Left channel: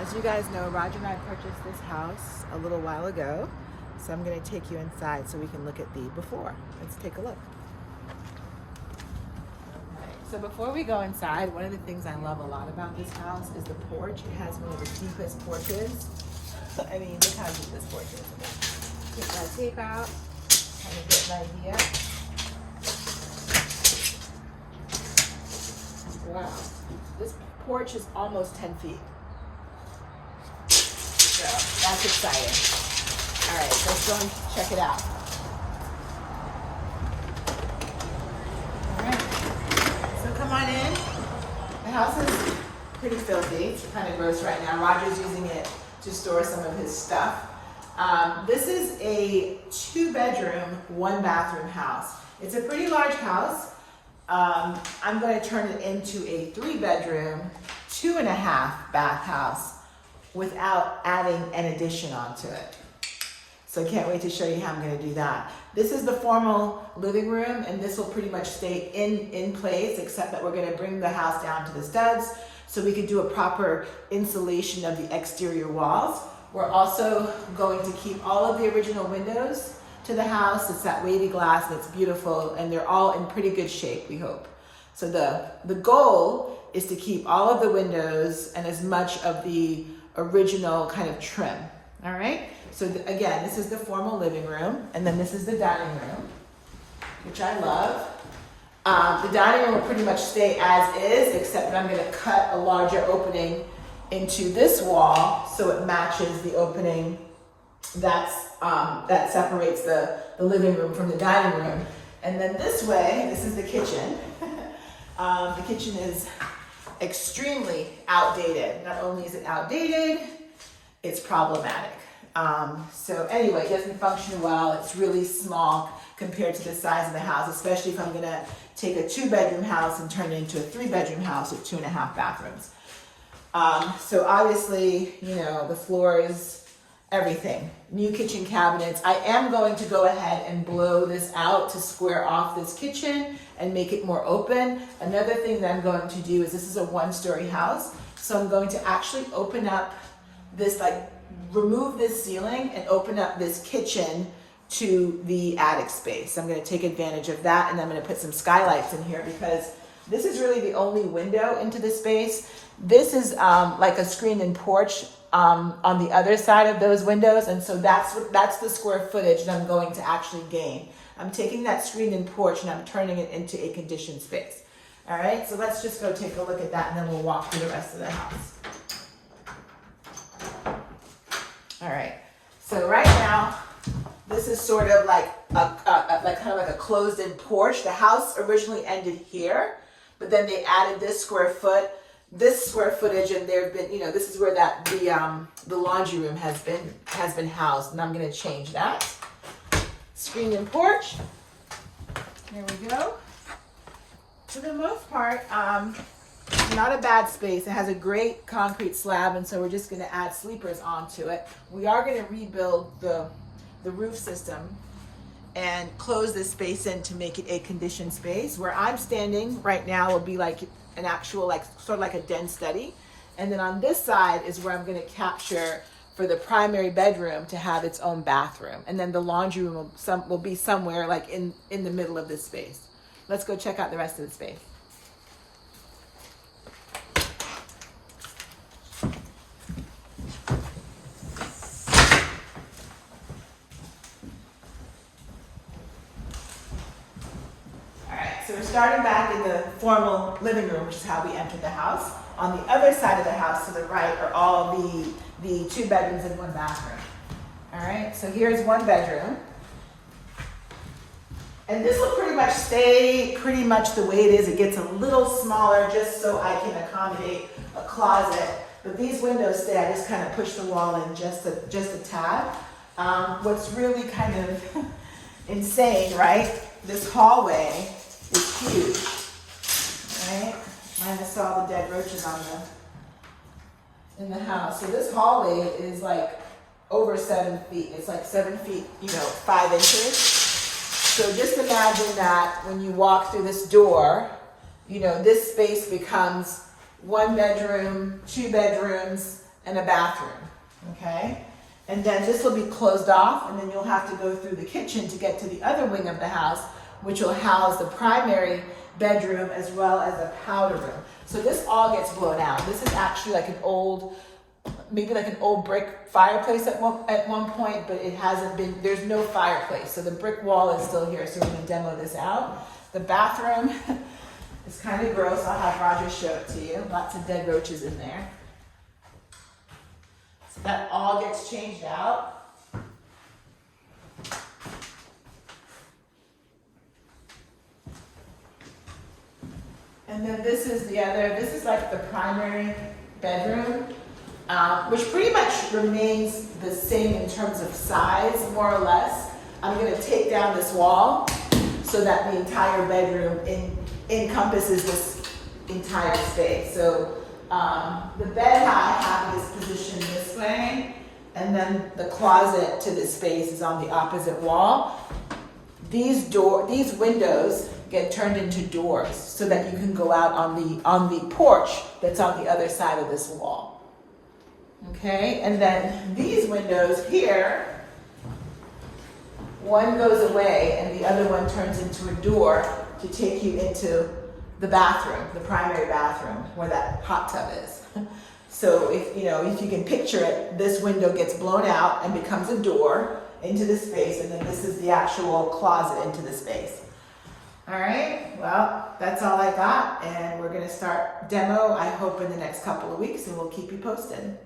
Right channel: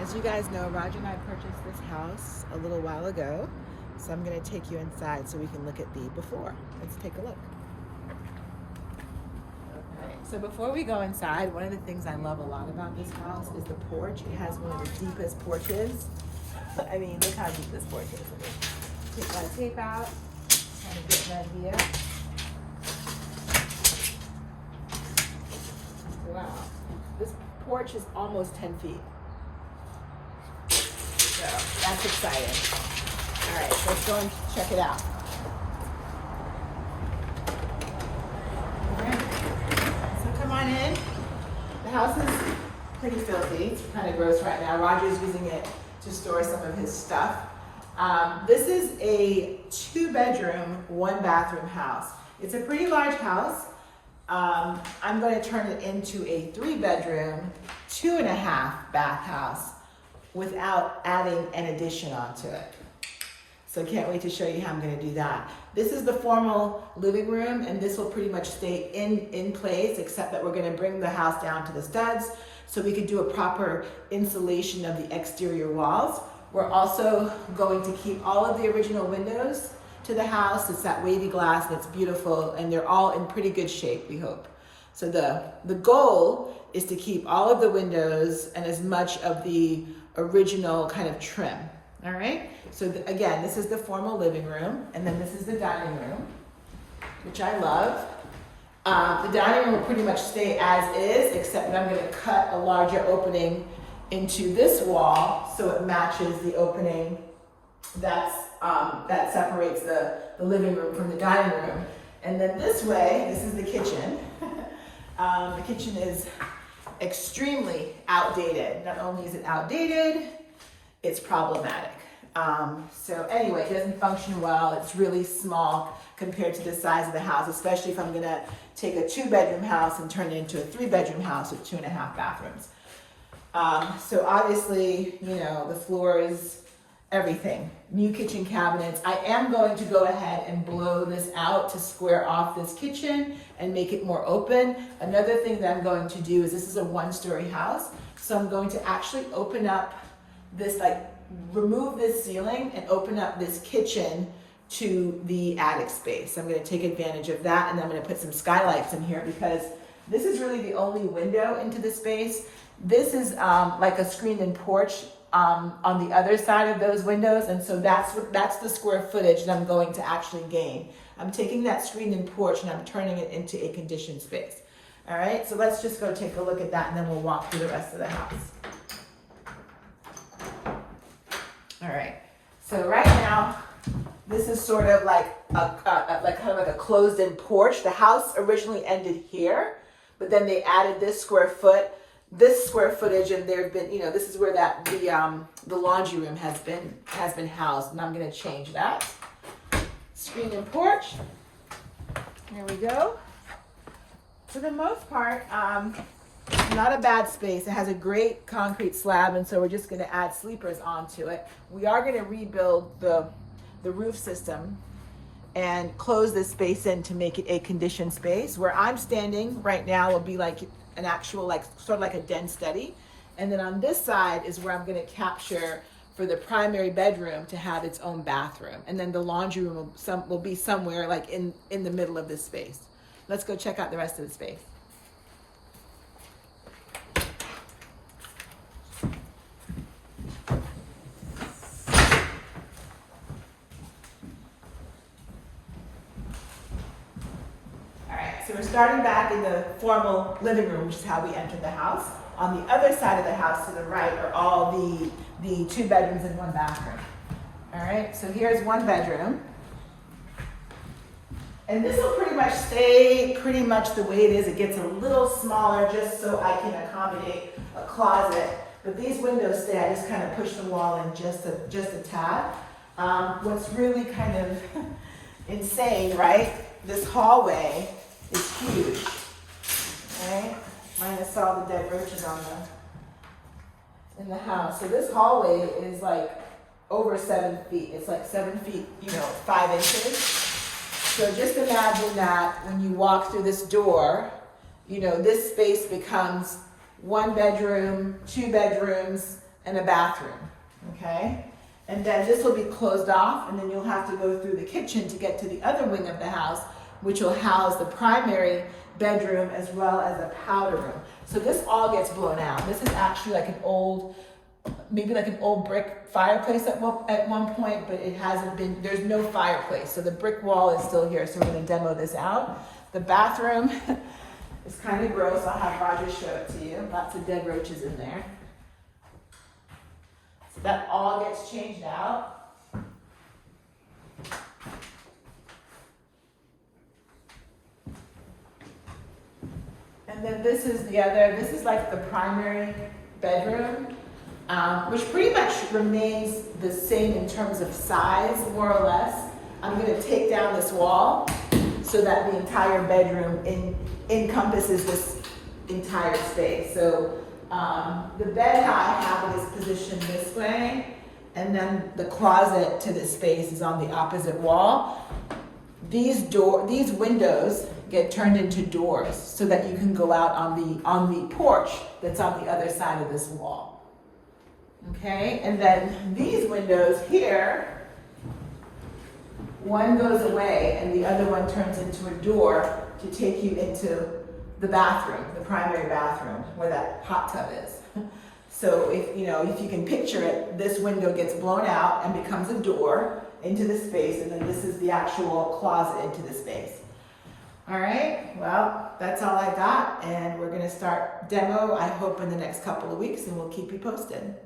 As you guys know, Roger and I purchased this house a little while ago, so I'm going to take you inside so we can look at the before. Let's take a look. Okay, so before we go inside, one of the things I love a lot about this house is the porch. It has one of the deepest porches. I mean, look how deep this porch is. I mean, take my tape out, kind of get an idea. Wow, this porch is almost 10 feet. So that's exciting. All right, let's go and check it out. All right, so come on in. The house is pretty filthy. It's kind of gross right now. Roger's using it to store some of his stuff. This is a 2-bedroom, 1-bathroom house. It's a pretty large house. I'm going to turn it into a 3-bedroom, 2.5-bath house without adding an addition onto it. So I can't wait to show you how I'm going to do that. This is the formal living room, and this will pretty much stay in place, except that we're going to bring the house down to the studs so we could do a proper insulation of the exterior walls. We're also going to keep all of the original windows to the house. It's that wavy glass and it's beautiful, and they're all in pretty good shape, we hope. So the goal is to keep all of the windows and as much of the original kind of trim. All right, so again, this is the formal living room, and then this is the dining room, which I love. The dining room will pretty much stay as is, except that I'm going to cut a larger opening into this wall so it matches the opening that separates the living room from the dining room. And then this way, this is the kitchen. The kitchen is extremely outdated. Not only is it outdated, it's problematic. So anyway, it doesn't function well. It's really small compared to the size of the house, especially if I'm gonna take a 2-bedroom house and turn it into a 3-bedroom house with 2.5 bathrooms. So obviously, you know, the floors, everything. New kitchen cabinets. I am going to go ahead and blow this out to square off this kitchen and make it more open. Another thing that I'm going to do is, this is a 1-story house, so I'm going to actually open up this, like remove this ceiling and open up this kitchen to the attic space. I'm going to take advantage of that, and I'm going to put some skylights in here because this is really the only window into the space. This is like a screened-in porch on the other side of those windows, and so that's the square footage that I'm going to actually gain. I'm taking that screened-in porch and I'm turning it into a conditioned space. All right, so let's just go take a look at that, and then we'll walk through the rest of the house. All right, so right now, this is sort of like kind of like a closed-in porch. The house originally ended here, but then they added this square footage, and there've been, you know, this is where the laundry room has been housed, and I'm going to change that. Screen-in porch. Here we go. For the most part, not a bad space. It has a great concrete slab, and so we're just going to add sleepers onto it. We are going to rebuild the roof system and close this space in to make it a conditioned space. Where I'm standing right now will be like an actual, like sort of like a den study. And then on this side is where I'm going to capture for the primary bedroom to have its own bathroom. And then the laundry room will be somewhere like in the middle of this space. Let's go check out the rest of the space. So we're starting back in the formal living room, which is how we entered the house. On the other side of the house to the right are all the 2 bedrooms and 1 bathroom. All right, so here's 1 bedroom. And this will pretty much stay pretty much the way it is. It gets a little smaller just so I can accommodate a closet. But these windows stay, I just kind of push the wall in just a tad. What's really kind of insane, right? This hallway is huge, right? Minus all the dead roaches in the house. So this hallway is like over 7 feet. It's like 7 feet, 5 inches. So just imagine that when you walk through this door, this space becomes 1 bedroom, 2 bedrooms, and a bathroom, okay? And then this will be closed off, and then you'll have to go through the kitchen to get to the other wing of the house, which will house the primary bedroom as well as a powder room. So this all gets blown out. This is actually like an old, maybe like an old brick fireplace at one point, but it hasn't been, there's no fireplace. So the brick wall is still here, so we're gonna demo this out. The bathroom is kind of gross. I'll have Roger show it to you. Lots of dead roaches in there. So that all gets changed out. And then this is like the primary bedroom, which pretty much remains the same in terms of size, more or less. I'm gonna take down this wall so that the entire bedroom encompasses this entire space. So the bed how I have it is positioned this way, and then the closet to this space is on the opposite wall. These windows get turned into doors so that you can go out on the porch that's on the other side of this wall. Okay, and then these windows here, one goes away and the other one turns into a door to take you into the bathroom, the primary bathroom, where that hot tub is. So if you can picture it, this window gets blown out and becomes a door into the space, and then this is the actual closet into the space. All right, well, that's all I got, and we're gonna start demo, I hope, in the next couple of weeks, and we'll keep you posted.